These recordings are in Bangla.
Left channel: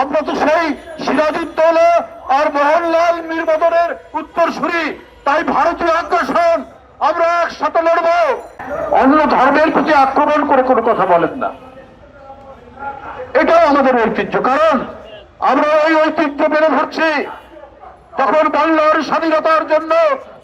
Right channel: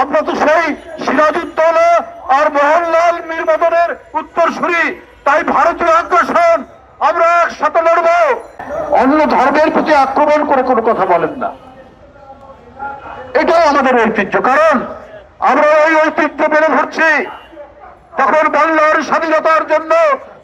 আমরা তো সেই সিরাজউদ্দৌলা আর মোহনলাল মীর মদনের উত্তরসূরি, তাই ভারতীয় আগ্রাসন আমরা একসাথে লড়ব। অন্য ধর্মের প্রতি আক্রমণ করে কোনো কথা বলেন না, এটাও আমাদের ঐতিহ্য। কারণ আমরা ওই ঐতিহ্য মেনে ধরছি। তখন বাংলার স্বাধীনতার জন্য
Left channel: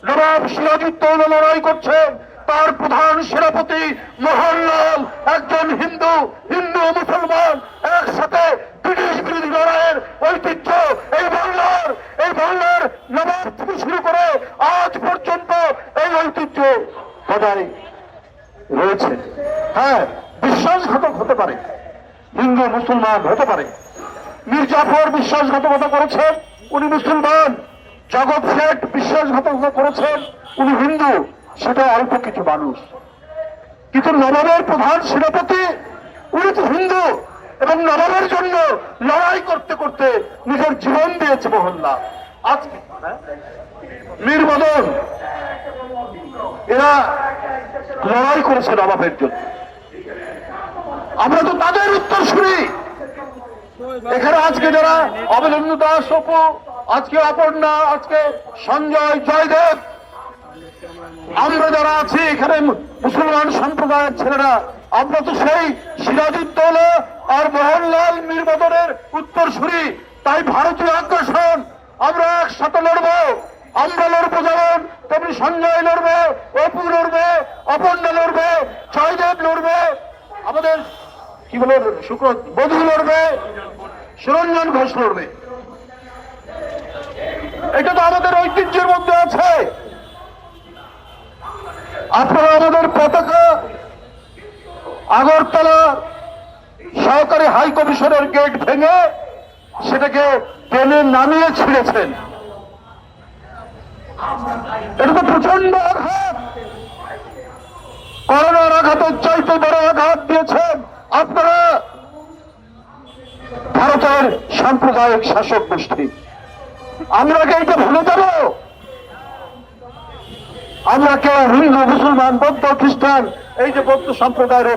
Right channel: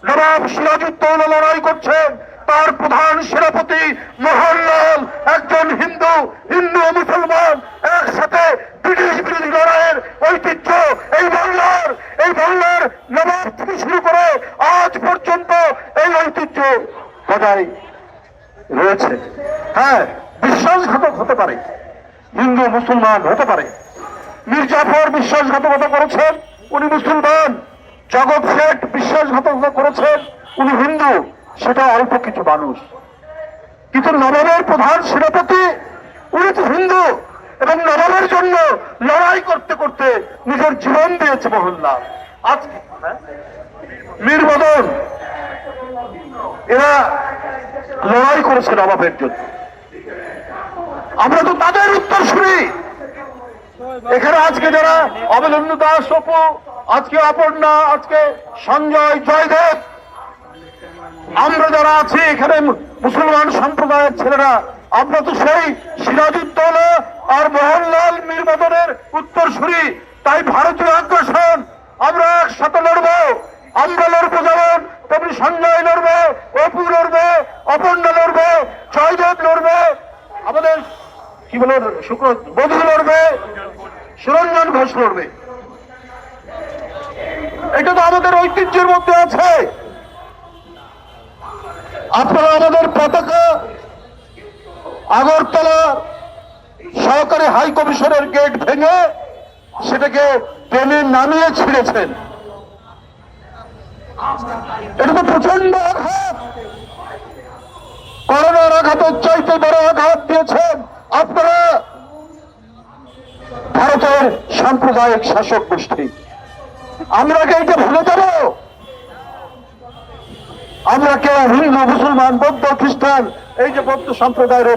নবাব সিরাজউদ্দৌলা লড়াই করছেন, তার প্রধান সেনাপতি মোহনলাল একজন হিন্দু, হিন্দু ও মুসলমান একসাথে ব্রিটিশ বিরোধী লড়াইয়ের ঐতিহ্য এই বাংলার নবাব থেকে শুরু করে আজ পর্যন্ত এই ঐতিহ্য বজায় রয়েছে। হ্যাঁ, বিশ্বাসঘাতক হতে পারে, হিন্দু মুসলমান হতে পারে। মীর জাফর বিশ্বাসঘাতকতা করেছেন, উনি মুসলমান। জগৎ শেঠ বিশ্বাসঘাতকতা করেছেন, উনি হিন্দু। সেটা অল্প কিছু মানুষ, কিন্তু নবাবের প্রধান সেনাপতি উনি তো হিন্দু, এবং নবাবের জন্য লড়াই করতে করতে নিজের জীবন দিয়েছে মোহনলাল। আজকে মীর মদন এরা লড়াই করেছে নবাবের জন্য। আমরা তো তাদের উত্তরসূরি। এখানে আজকে যারা অমলেন্দু দাস, অপু, আজকে অপর্ণা, আজকে সঞ্জয়, জয়দেব, আমরা যারা আছি এখানে মুসলমান সম্প্রদায়ের ছেলেরা, আমরা তো সেই সিরাজউদ্দৌলা আর মোহনলাল মীর মদনের উত্তরসূরি, তাই ভারতীয় আগ্রাসন আমরা একসাথে লড়বো। আমরা লড়বো যেমন, তেমনি সঞ্জয় লড়বে, অপু লড়বে, অপর্ণা লড়বে, জয়দেব লড়বে, আমাদের কি বলে বধূ লড়বে, সুরঞ্জন ঘোষ লড়বে। এটা তো আমাদের ঐতিহ্যের মধ্যে আছে। আপনারা আমাদের পতাকা আগরতলা সহকারী হাই কমিশনের গেট ভেঙে সেটাকে ট্রেনে নামিয়ে ছিঁড়েছেন। এটা তো প্রচন্ড আঘাত, করোনার আঘাতের চাইতে বড় আঘাত দিয়েছেন আপনারা ভারতের সাম্প্রদায়িক শাসক গোষ্ঠী। আমরা কি এটা ভুলে যাব? আমরা কেউ হিন্দু, মুসলমান, বৌদ্ধ, খ্রিস্টান, এই যে বৌদ্ধ সম্প্রদায়ের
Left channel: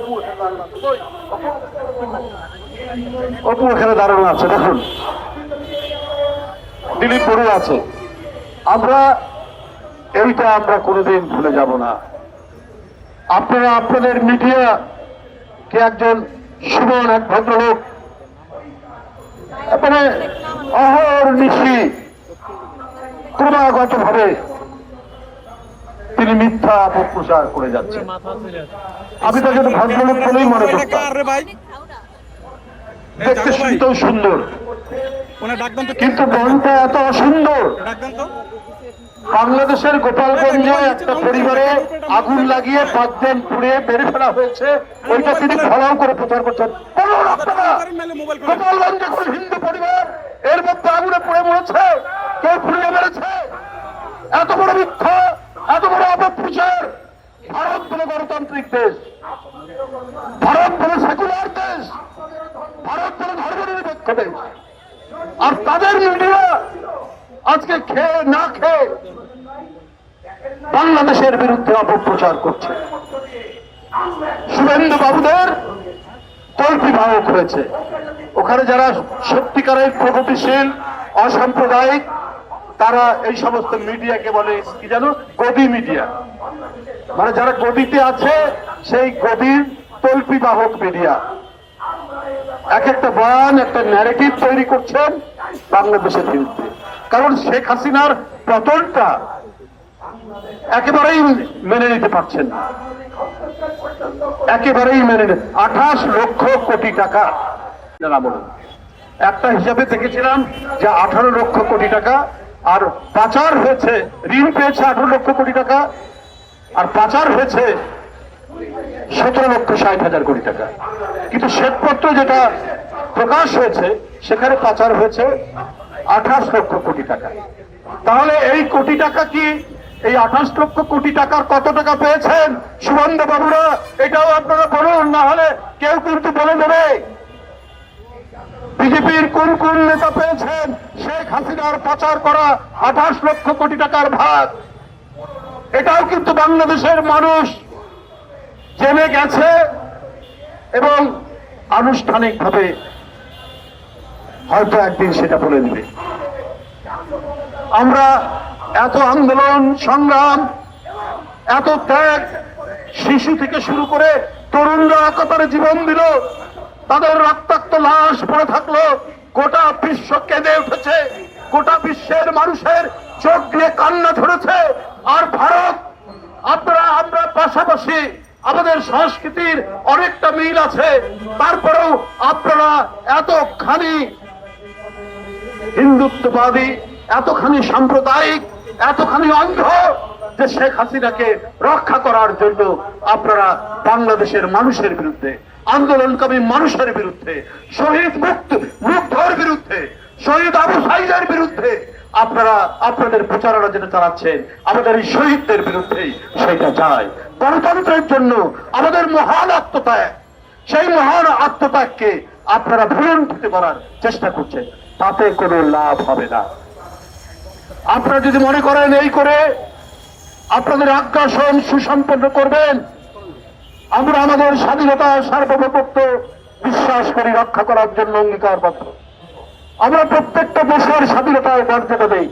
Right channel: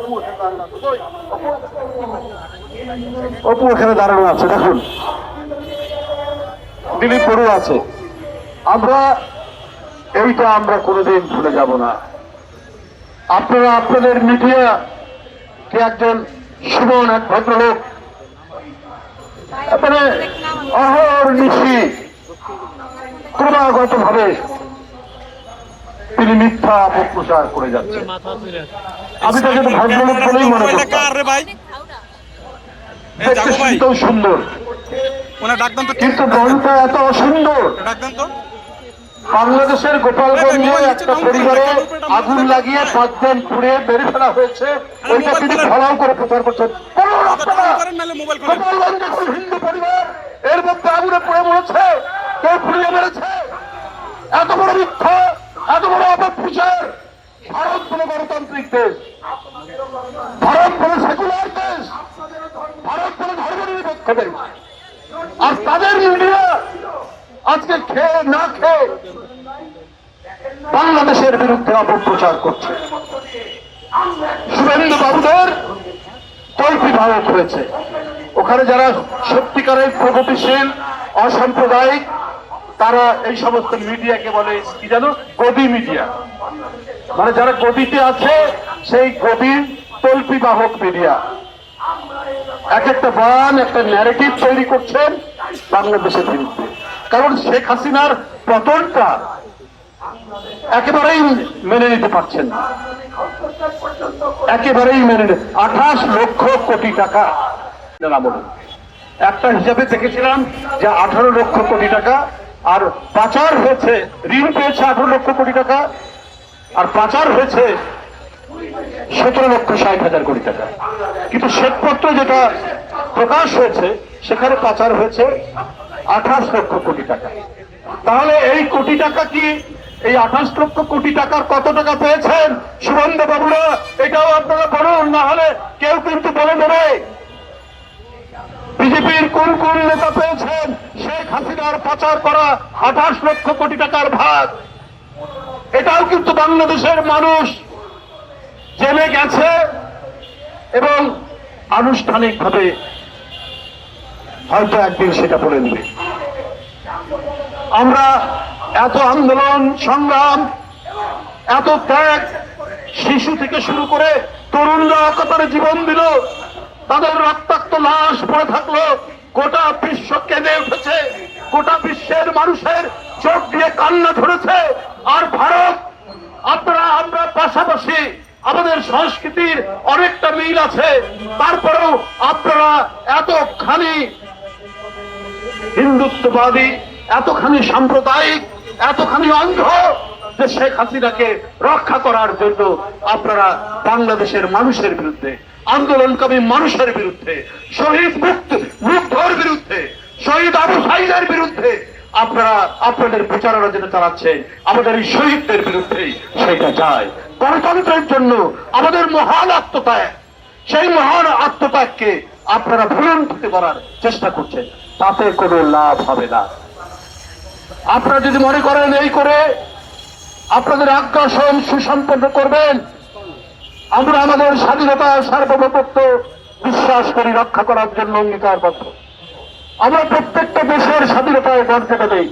অপু এখানে দাঁড়ানো আছে, দেখুন দিলীপ বড়ুয়া আছে। আমরা কোনোদিন ভুলে যাব না। আপনারা আপনাদের মিডিয়া কে একজন সুমন, এক ভদ্রলোক, মানে অহর্নিশি ক্রমাগত ভাবে তিনি মিথ্যা অপপ্রচার করে যাচ্ছেন। আমি তাকে ভদ্রলোক বলেই মনে করতাম। দেখতে শুনতেও সুন্দর, কিন্তু মনটা এত অসুন্দর। বাংলাদেশের গোপালগঞ্জে একটা পরিবারে আগুন লাগিয়ে 5 জন পুড়িয়ে মেরে ফেলা হয়েছে, ওইটা তিনি ফলাও করে প্রচার করছেন। গোপালগঞ্জ এখন হিন্দু পরিবার, এর মধ্যে আগুনে পুড়ে মরেছে, কেউ পুড়িয়ে মেরেছে। এত বড় মিথ্যা, এত বড় অপপ্রচার। ভারত কোন গণতান্ত্রিক দেশ, ভারত কোন সেকুলার দেশ, ভারত কোন ধর্মনিরপেক্ষ দেশ, আর তাদের মিডিয়া আজকে খেয়ে না খেয়ে বাংলাদেশের বিরুদ্ধে অপপ্রচার করছে। শুভেন্দু বাবুদের তল্পিবাহক হয়েছে। ওখানে যারা সত্যিকারের প্রগতিশীল, অসাম্প্রদায়িক, তারা এই সমস্ত মিডিয়াকে বলে কি জানো, গদি মিডিয়া। মানে যারা গদিতে আছে সেই গদির তল্পিবাহক মিডিয়া। এক একটা বয়ান, একটা ন্যারেটিভ তৈরি করছেন বাংলাদেশের বিরুদ্ধে। কারণ শেখ হাসিনার পতনটা একেবারেই মেনে নিতে পারছেন না, একেবারেই মেনে নিতে। 28 লক্ষ কোটি টাকা একটা হিসাবে দেখেছিলাম যে 18 লক্ষ কোটি টাকা, আর পাচার হয়েছে, ঋণ পেয়েছে 18 লক্ষ কোটি টাকা, আর পাচার হয়েছে 17,60,000 কোটি টাকা। কিন্তু শ্বেতপত্র যেটা প্রকাশ হয়েছে সেখানে পাচার হয়েছে 28 লক্ষ কোটি টাকা। তাহলে এই কোটি টাকা কি, এই 28 লক্ষ কোটি টাকার কত টাকা পেয়েছেন সুবন্ধু বাবুরা? এটাও আপনারা বলুন, না হলে কেউ কিন্তু বলে দেবে। বিজেপির কোন কোন নেতা পেয়েছেন শেখ হাসিনার পাচার করা 28 লক্ষ কোটি টাকার ভাগ? এটাও কিন্তু বাংলাদেশের মানুষ জেনে গেছে এবং আনুষ্ঠানিকভাবে হয়তো একদিন সেটা বলে দেবে। আমরা এত আন্দোলন সংগ্রাম, এত ত্যাগ, শিশু থেকে শুরু করে তরুণরা কাতারে জীবন দিল, তাদের রক্তাক্ত লাশ পড়ে থাকলো, গোটা বিশ্ব কেঁদে উঠেছে, গোটা বিশ্বের মানুষের চোখ দিয়ে কান্না ধরেছে। আর ভারত, আপনারা আমরা পাশাপাশি, আমাদের সংস্কৃতির অনেকটা মিল আছে, তারপরেও আপনারা এতখানি হিন্দুত্ববাদী, এতখানি সাম্প্রদায়িক, এতখানি অন্ধ যে শেখ হাসিনাকে রক্ষা করার জন্য আপনারা বাংলাদেশের মানুষের বিরুদ্ধে, আন্দোলনকামী মানুষের বিরুদ্ধে, শহীদ মুগ্ধর বিরুদ্ধে, শহীদ আবু সাইদের বিরুদ্ধে আপনারা আপনাদের প্রচারণা যেটা চালাচ্ছেন, আমাদের এই শহীদদের বিরুদ্ধে সেটা যায়। গণতন্ত্রের জন্য আমাদের মহান আত্মত্যাগ, সেই মহান আত্মত্যাগকে আপনারা ভুলুণ্ঠিত করার চেষ্টা করছেন, তাতে কোনো লাভ হবে না। আপনারা যদি মনে করেন এই করে আপনাদের আগ্রাসন সুসম্পন্ন করবেন, আমরা আমাদের স্বাধীনতা সার্বভৌমত্ব বিশ্বাস করি, রক্ষা করার জন্য অঙ্গীকারবদ্ধ। আমরা প্রত্যেকটা দেশের স্বাধীনতায় মর্যাদা দেই।